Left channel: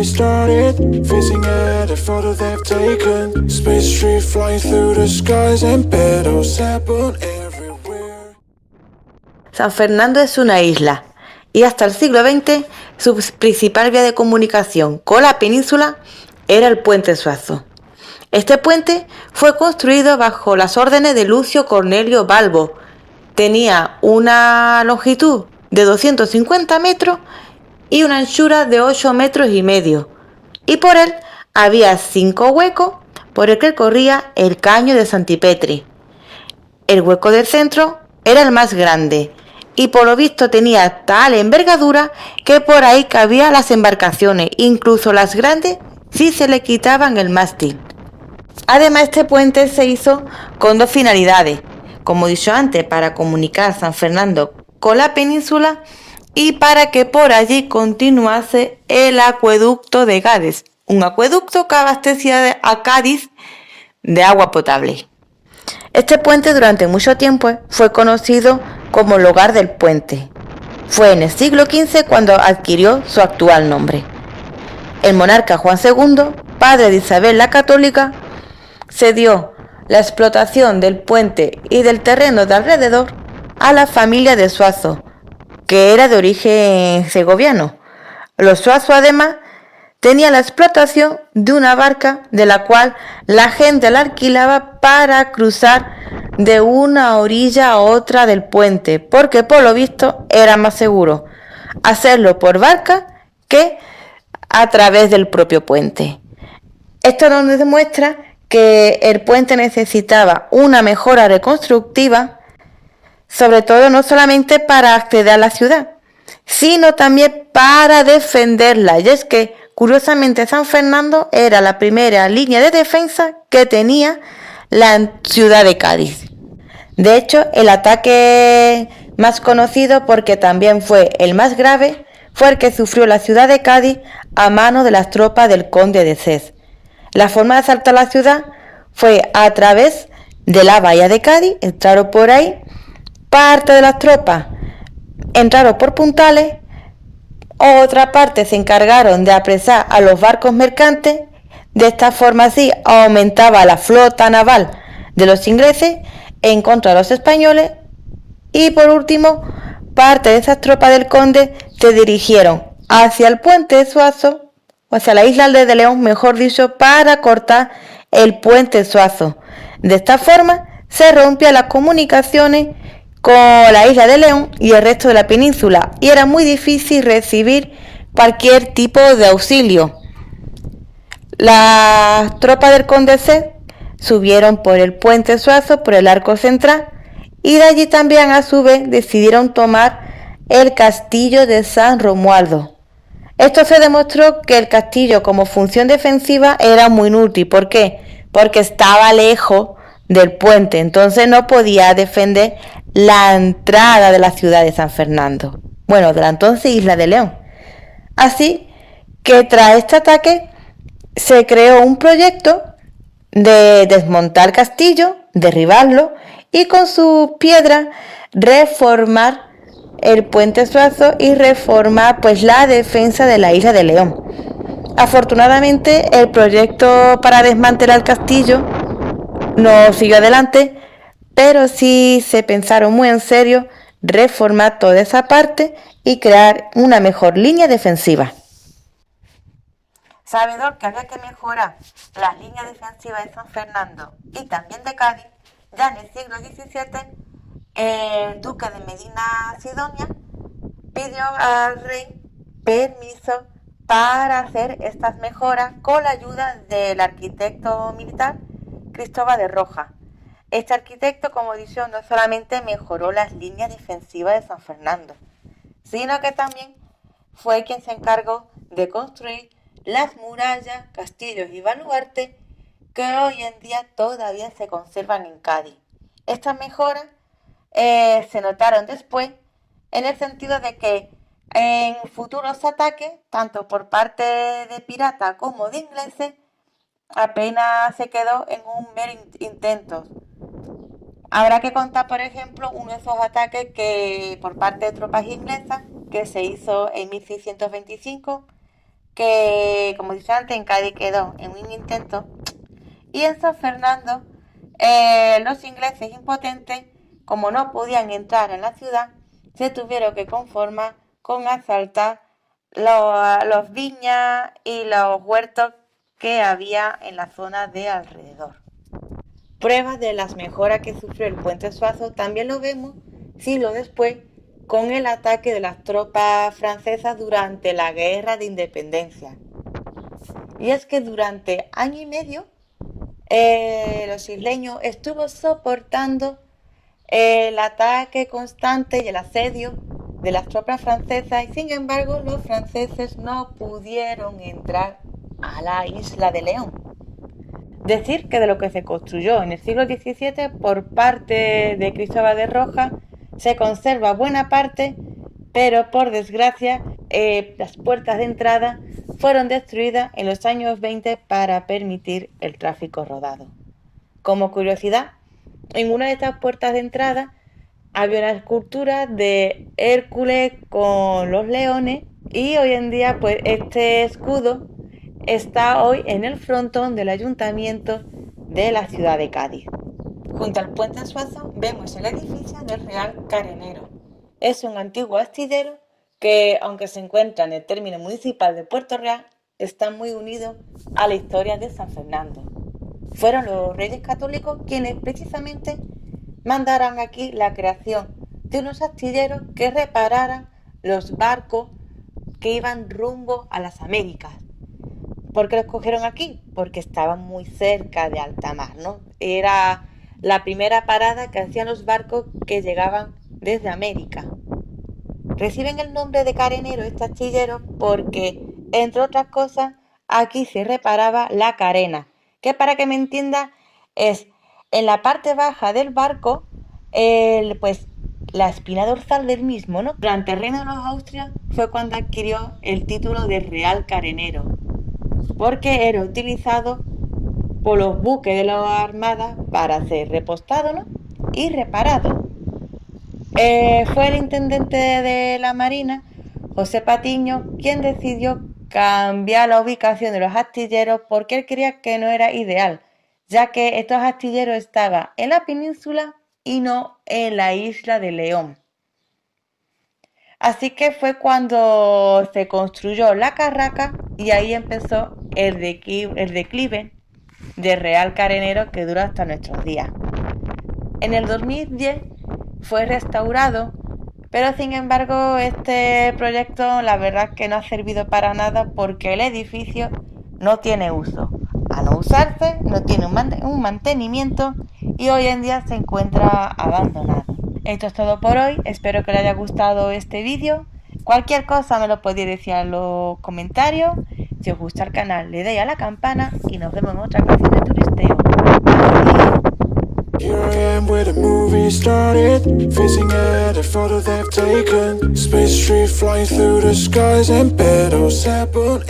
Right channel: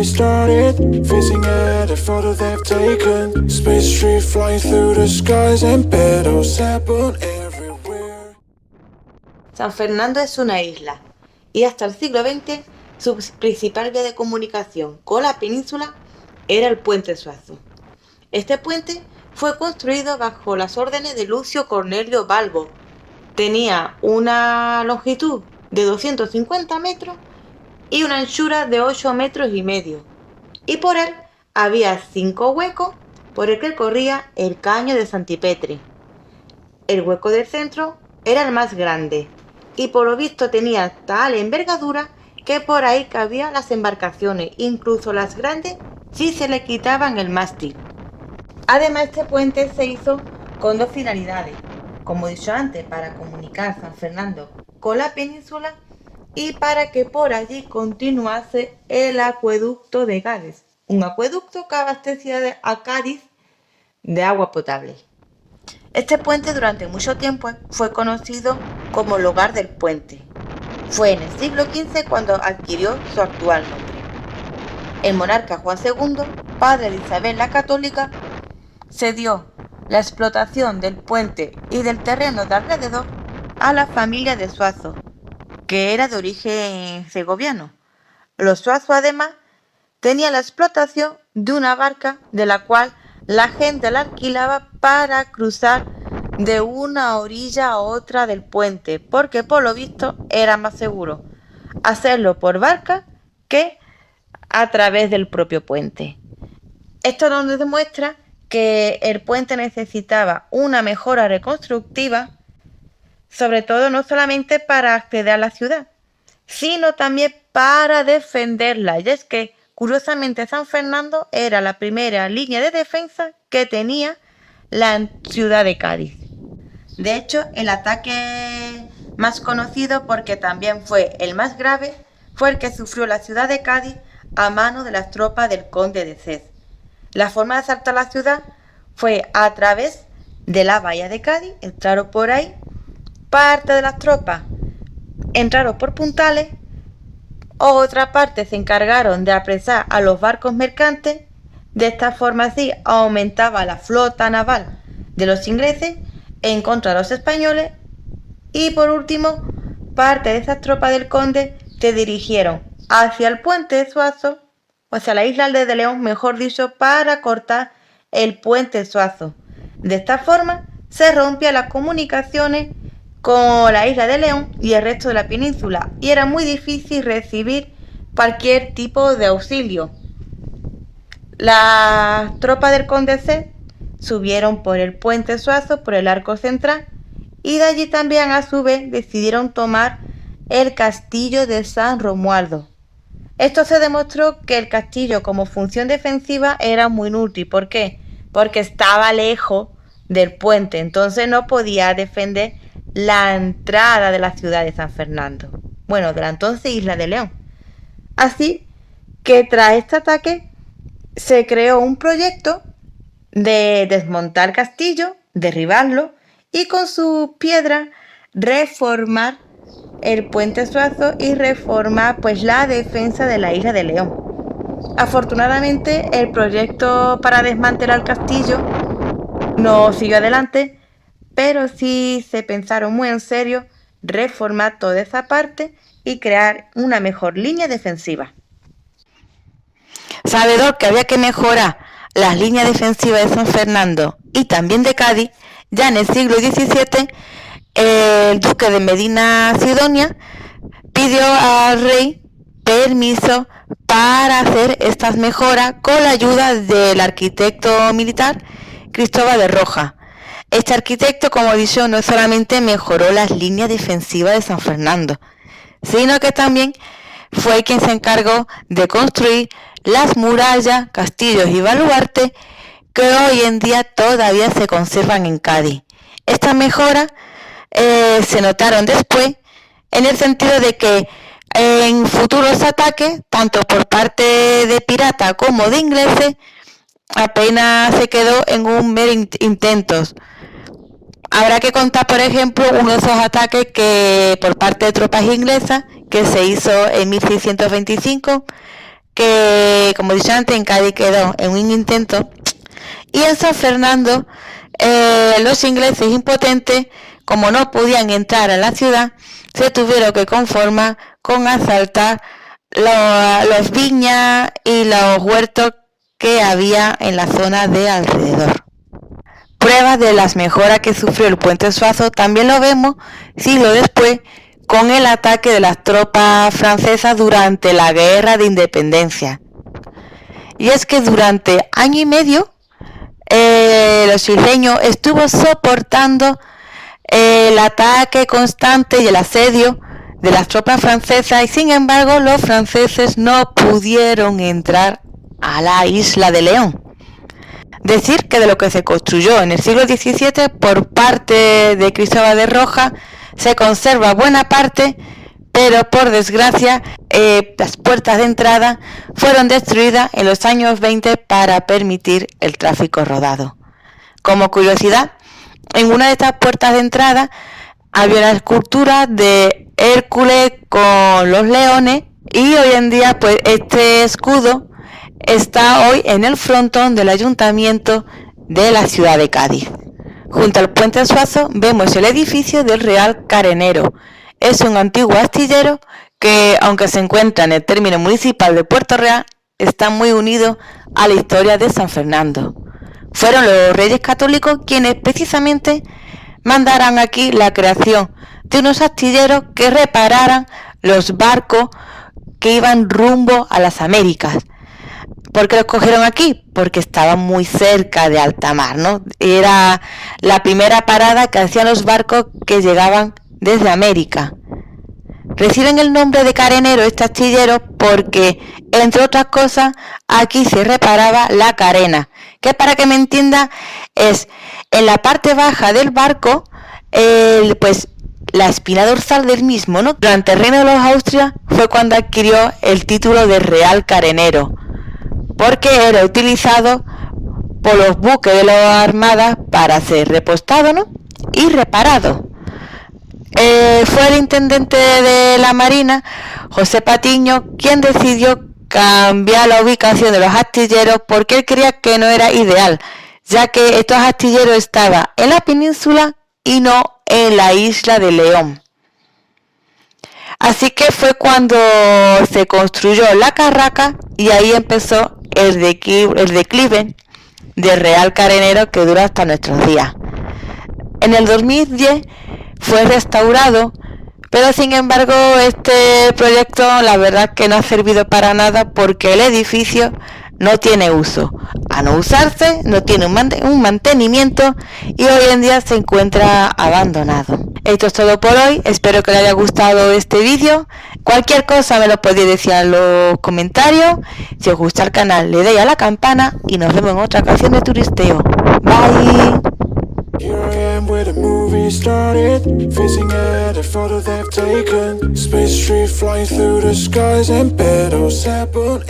restarted, facing at a photo they've taken. Space tree flying through the skies and petals happen everywhere. San Fernando es una isla y hasta el siglo XX su principal vía de comunicación con la península era el puente Suazo. Este puente fue construido bajo las órdenes de Lucio Cornelio Balbo. Tenía una longitud de 250 metros y una anchura de 8 metros y medio. Y por él había 5 huecos por el que corría el caño de Santipetri. El hueco del centro era el más grande y por lo visto tenía tal envergadura que por ahí cabían las embarcaciones, incluso las grandes, si se le quitaban el mástil. Además, este puente se hizo con dos finalidades, como he dicho antes, para comunicar San Fernando con la península y para que por allí continuase el acueducto de Cádiz, un acueducto que abastecía a Cádiz de agua potable. Este puente durante mucho tiempo fue conocido como el Hogar del Puente. Fue en el siglo XV cuando adquirió su actual nombre. El monarca Juan II, padre de Isabel la Católica, cedió la explotación del puente y del terreno de alrededor a la familia de Suazo, que era de origen segoviano. Los Suazo además tenía la explotación de una barca de la cual la gente la alquilaba para cruzar de una orilla a otra del puente, porque por lo visto era más seguro hacerlo por barca que a través del propio puente. Esto nos demuestra que el puente necesitaba una mejora reconstructiva, sobre todo no solamente para acceder a la ciudad, sino también para defenderla. Y es que, curiosamente, San Fernando era la primera línea de defensa que tenía la ciudad de Cádiz. De hecho, el ataque más conocido, porque también fue el más grave, fue el que sufrió la ciudad de Cádiz a manos de las tropas del conde de Cés. La forma de asaltar la ciudad fue a través de la bahía de Cádiz, entraron por ahí, parte de las tropas entraron por puntales, otra parte se encargaron de apresar a los barcos mercantes, de esta forma así aumentaba la flota naval de los ingleses en contra de los españoles y por último parte de esas tropas del conde se dirigieron hacia el puente de Suazo, o sea, la isla de León, mejor dicho, para cortar el puente Suazo. De esta forma se rompían las comunicaciones con la isla de León y el resto de la península y era muy difícil recibir cualquier tipo de auxilio. Las tropas del conde C subieron por el puente Suazo, por el arco central y de allí también a su vez decidieron tomar el castillo de San Romualdo. Esto se demostró que el castillo como función defensiva era muy inútil. ¿Por qué? Porque estaba lejos del puente, entonces no podía defender la entrada de la ciudad de San Fernando, bueno, de la entonces isla de León. Así que tras este ataque se creó un proyecto de desmontar el castillo, derribarlo y con sus piedras reformar el puente Suazo y reformar pues la defensa de la isla de León. Afortunadamente el proyecto para desmantelar el castillo no siguió adelante, pero sí se pensaron muy en serio reformar toda esa parte y crear una mejor línea defensiva. Sabedor que había que mejorar las líneas defensivas de San Fernando y también de Cádiz, ya en el siglo XVII el duque de Medina Sidonia pidió al rey permiso para hacer estas mejoras con la ayuda del arquitecto militar Cristóbal de Rojas. Este arquitecto, como he dicho, no solamente mejoró las líneas defensivas de San Fernando, sino que también fue quien se encargó de construir las murallas, castillos y baluartes que hoy en día todavía se conservan en Cádiz. Estas mejoras se notaron después en el sentido de que en futuros ataques, tanto por parte de piratas como de ingleses, apenas se quedó en un mero intentos. Habrá que contar, por ejemplo, uno de esos ataques que por parte de tropas inglesas que se hizo en 1625, que, como he dicho antes, en Cádiz quedó en un intento. Y en San Fernando, los ingleses impotentes, como no podían entrar a la ciudad, se tuvieron que conformar con asaltar los viñas y los huertos que había en la zona de alrededor. Pruebas de las mejoras que sufrió el puente Suazo también lo vemos siglos después con el ataque de las tropas francesas durante la Guerra de Independencia. Y es que durante año y medio los isleños estuvo soportando el ataque constante y el asedio de las tropas francesas, y sin embargo los franceses no pudieron entrar a la isla de León. Decir que de lo que se construyó en el siglo XVII por parte de Cristóbal de Rojas se conserva buena parte, pero por desgracia las puertas de entrada fueron destruidas en los años 20 para permitir el tráfico rodado. Como curiosidad, en una de estas puertas de entrada había una escultura de Hércules con los leones, y hoy en día pues este escudo está hoy en el frontón del ayuntamiento de la ciudad de Cádiz. Junto al puente Suazo vemos el edificio del Real Carenero. Es un antiguo astillero que, aunque se encuentra en el término municipal de Puerto Real, está muy unido a la historia de San Fernando. Fueron los Reyes Católicos quienes precisamente mandaran aquí la creación de unos astilleros que repararan los barcos que iban rumbo a las Américas. ¿Por qué los cogieron aquí? Porque estaban muy cerca de alta mar, ¿no? Era la primera parada que hacían los barcos que llegaban desde América. Reciben el nombre de carenero este astillero porque, entre otras cosas, aquí se reparaba la carena, que, para que me entienda, es en la parte baja del barco, pues la espina dorsal del mismo, ¿no? Durante el reino de los Austrias fue cuando adquirió el título de Real Carenero, porque era utilizado por los buques de la Armada para ser repostado, ¿no?, y reparado. Fue el intendente de la Marina, José Patiño, quien decidió cambiar la ubicación de los astilleros porque él creía que no era ideal, ya que estos astilleros estaban en la península y no en la isla de León. Así que fue cuando se construyó la Carraca y ahí empezó el declive de Real Carenero, que dura hasta nuestros días. En el 2010 fue restaurado, pero sin embargo este proyecto la verdad que no ha servido para nada porque el edificio no tiene uso. A no usarse, no tiene un mantenimiento y hoy en día se encuentra abandonado. Esto es todo por hoy, espero que les haya gustado este vídeo. Cualquier cosa me lo podéis decir en los comentarios. Si os gusta el canal, le dais a la campana y nos vemos en otra ocasión de turisteo. Bye. Here I am where the movie started, facing at a photo they've taken. Space tree flying through the skies and petals happen.